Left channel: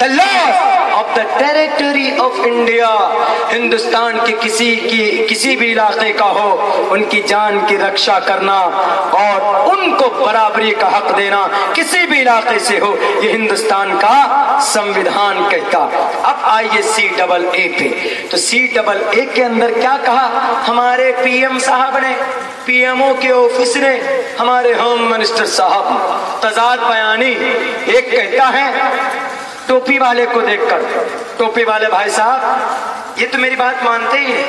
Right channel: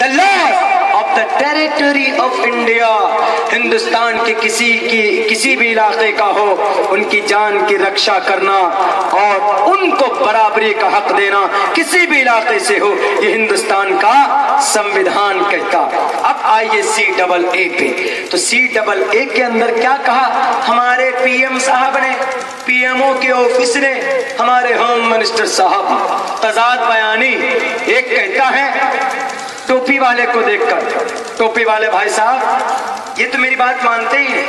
the laws of the territory of India. Hindustan کے کسی بھی علاقے کا ہو ان کی جان کی رکشا کرنا اور ان کو برابری کا حق دینا کسی بھی علاقے سے ہو یہ ہندوستان کا سمویدھان کہتا. اب آئیے CAA پہ. تو CAA کے اندر کیا کہا ہمارے PM صاحب نے, PMO کے آفس نے, ہمارے ہوم منسٹر صاحب تضاد بیانی. ایک کہتا ہے ٹوپی والے کو دیکھ کر, ٹوپی والے بھائی صاحب یہ تو میری بات مانتے ہی نہیں.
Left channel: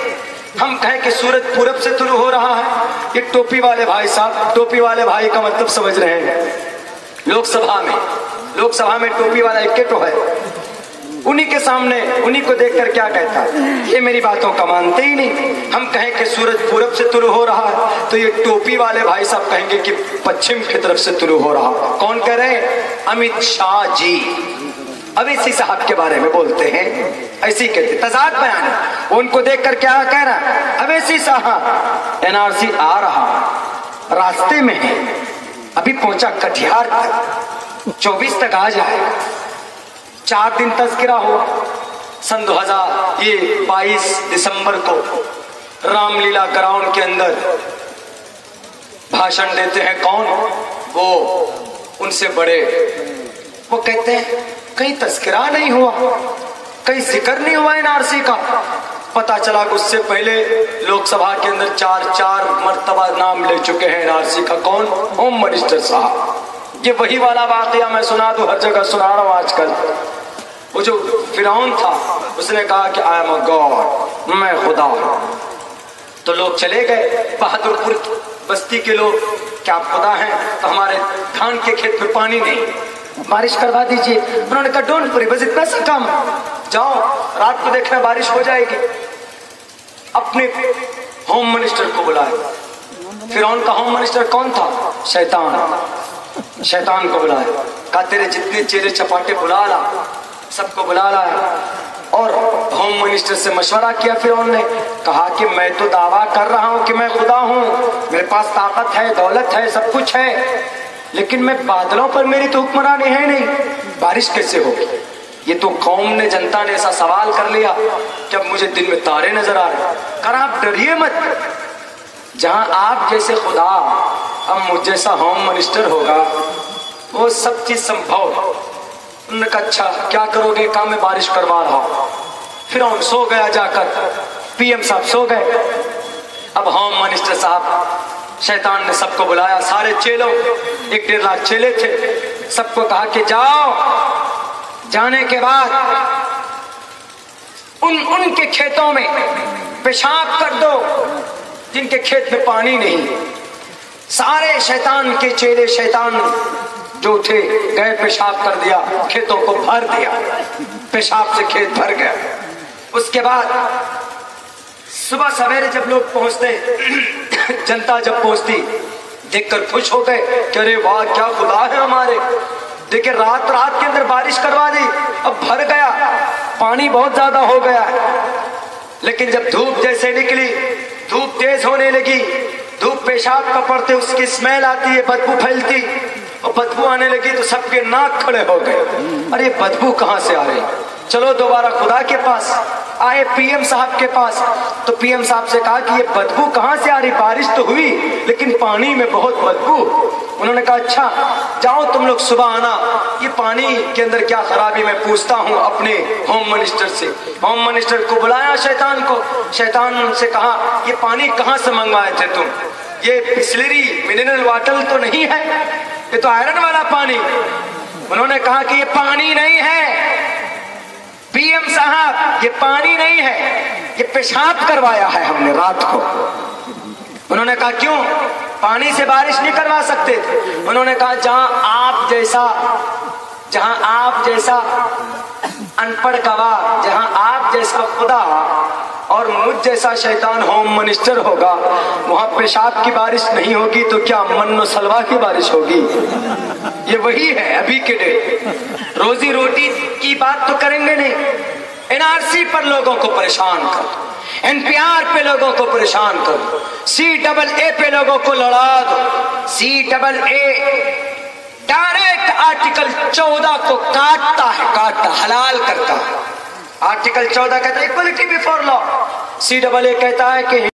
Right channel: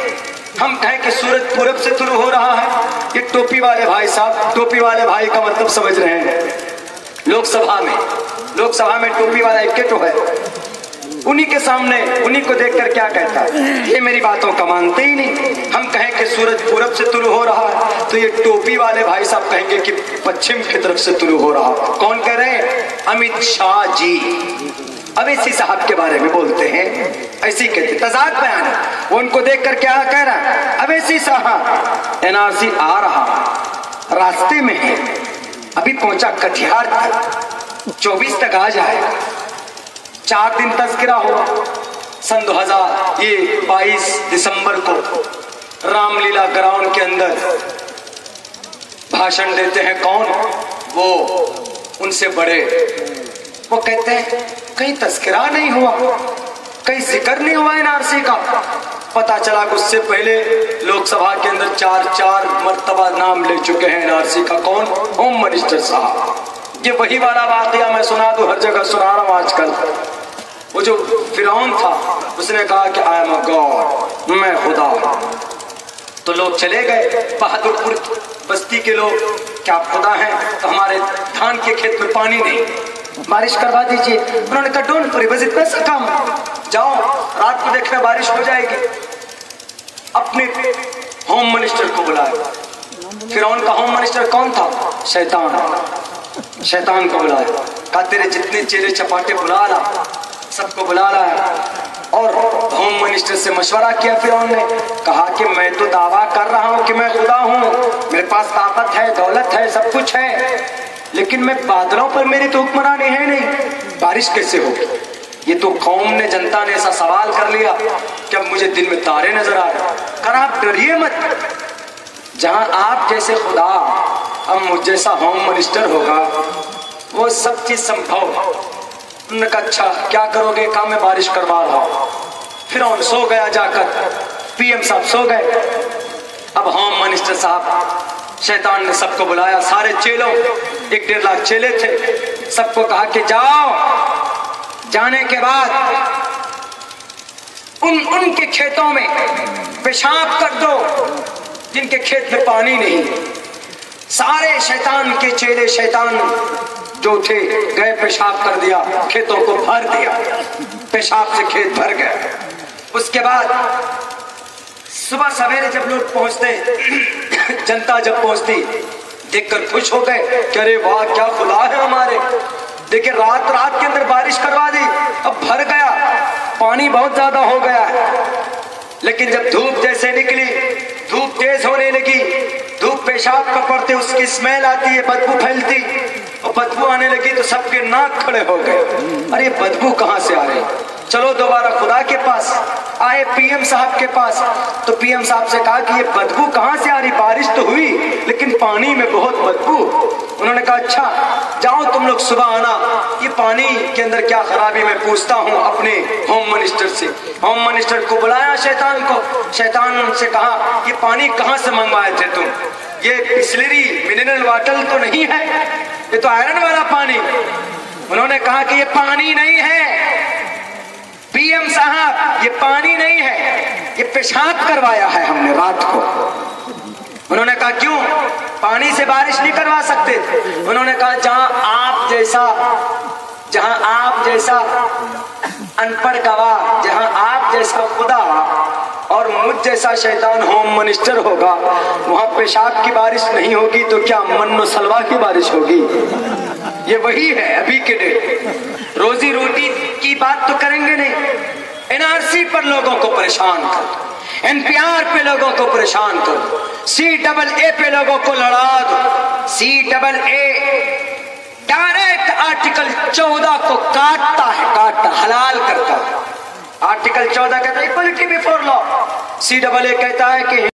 ہم کہیں کہ سورج پورب سے طلوع ہو رہا ہے, یہ ٹوپی والے بھائی صاحب, ٹوپی والے بھائی کا مطلب سمجھ رہے ہیں. لوک سبھا میں ٹوپی والا ایک تو ہے, انہی کے سامنے انہی کو دیکھ کر کیا کہتا ہے, یہ میری باتوں کا مانتے ہی نہیں. ہم کہیں کہ سورج پورب سے طلوع ہو رہا ہے تو یہ ٹوپی والے بھائی صاحب کہیں گے کہ پچھم کی طرف سے طلوع ہو رہا. کون کہہ رہے ہیں؟ امت شاہ جی اویسی صاحب کے بارے میں بولتے ہیں, ایسی کہتے تضاد بیان. ان کو دیکھ کر کیا کہہ رہا ہے اویسی صاحب NRC آ رہا, راستے میں ہے, ابھی پہنچا کٹیہار تک, 24 تک آ جائے, 4 دن تذکرہ ہو. سن 22 دسمبر کو رام لیلا گراؤنڈ کے اندر بھاشن دیتے ہیں کون؟ وہ ان سے بڑے. وہ کہتے ہیں کہیں تذکرہ نہیں ہوا, کہیں ذکر نہیں ہوا NRC کا. پتا چلا کہ اس سے پہلے لوک سبھا کے اندر 4 مرتبہ نام لے چکے ہیں NRC کا. کون؟ ہوم منسٹر صاحب. یہ وہی والا واقعہ میں سنا تو ہر جگہ سنا رہا ہوں آج کل. وہ جو فرعون تھا اس نے کہا کہ I am a God, میں خدا ہوں. تو لوگ چلے گئے بہادر پور بستی کے لوگ, کیا آپ خدا ہیں؟ ہمارے دھان کے کھیت میں پانی نہیں, بارش کروا دیجیے. انہوں نے کہا ڈونٹ وری, بس اتنا سا کام, جاؤ رات کو دیکھنا بارش ہو جائے گی. اپنے ہوم منسٹر کو بلایا. فرعون کا ہوم منسٹر کون تھا؟ شیطان کو بلایا. کہا تیرے جتنے چیلے چپاٹے بلا رہا, سب کو بلا رہا. اور ہوم منسٹر سے مشورہ کیا فرعون نے, کہا کہ میں تو دعویٰ کر رہا ہوں کہ میں خدا ہوں, میرے پاس طاقت ہے, دولت ہے, سب کچھ ہے, لیکن میں بادلوں پر میری تو حکمرانی ہے نہیں, بارش کیسے ہوگی؟ یہ تو قوم نے, جنتا نے ایسا سوال کر لیا کہ اب مجھے دن میں تارے نظر آ رہے. کر آپ ڈریے مت, جہاں آپ جیسے خدا اب مجھ جیسا ہوم منسٹر ہوگا وہ سب چیز سمبھو. انہوں نے کہا اچھا کیا کرو گے؟ کہا میں بارش کروا رہا ہوں. پھر ہم سو گیا جا کر, PM صاحب سو گئے. اب ہوم منسٹر صاحب شیطان نے سب کو بلایا, سارے چیلوں, 1.5 لاکھ چیلے تھے, سب کو کہا کہ جاؤ, جانے کے بعد ان کے کھیتوں میں پیشاب کر دو جن کے کھیت میں پانی نہیں. سارے شیطان کے چیلے, شیطان جو تھے, گئے پیشاب کر دیا, کھیتوں کو بھر دیا, پیشاب سے کھیت بھر گیا. اس کے بعد صبح سویرے جب لوگ پہنچتے, جنتا جب پہنچتی, دیکھ کر خوش ہو گئے کہ ارے واہ کیا خدا ہے ہمارے. دیکھیں رات کے اندر بارش کروا دی, اب بھر گیا, پانی بہت زیادہ ہو گیا ہے. لیکن جب دھوپ جیسے نکلی, دھوپ تیز ہونے لگی, دھوپ پیشاب کا پڑتے اس کی اسمیل آتی ہے, بدبو پھیلتی, اور بدبو آنے لگی تو سب کے ناک کھڑے ہو گئے. ارے بدبو کہاں سے آ رہی؟ چلو دوبارہ خدا کے پاس آئے, PM صاحب کے پاس. تو PM صاحب سے کہا کہ یہ بدبو کہاں سے آ رہی؟ بارش تو ہوئی لیکن پانی میں بہت بدبو. انہوں نے کہا اچھا جاؤ تم لوگ صبح آنا, یہ پانی کے اندر کیا خرابی میں پوچھتا ہوں اپنے ہوم منسٹر سے. ہوم منسٹر کو بلایا شیطان کو, شیطان سے کہا یہ پانی کہاں سے منگوائے تھے تم؟ یہ بسلری منرل واٹر تو نہیں ہے, یہ تو آئرن والا پانی. انہوں نے کہا کہ یہ پانی نہیں ہے PM صاحب, یہ پانی نہیں ہے, یہ پیشاب کروایا ہے ہم نے رات کو. انہوں نے کہا کیوں؟ پانی سے بارش نہیں کروا سکتے. انہوں نے کہا جہاں آپ جیسا ان پڑھ گواہ, جہاں آپ جیسا خدا اور مجھ جیسا شیطان ہوم منسٹر ہوگا, وہاں پیشاب کی بارش نہیں ہوگی تو کیا من و سلوا کی بارش ہوگی؟ یہ وہی ہے ابھی کے ڈیٹ. روزی روٹی کی بات تو کریں گے نہیں, NRC پر لوگوں کو پریشان کر دو, NPR پہ لوگوں کو پریشان کر دو, CAA پہ لوگوں کو لڑا دو. CAA ڈائریکٹ آرٹیکل 14 کو کاٹتا ہے، کاٹتا حلال کرتا ہے۔ آرٹیکل 14 کہتا ہے اکوالٹی بفور لا، CAA کہتا ہے کہ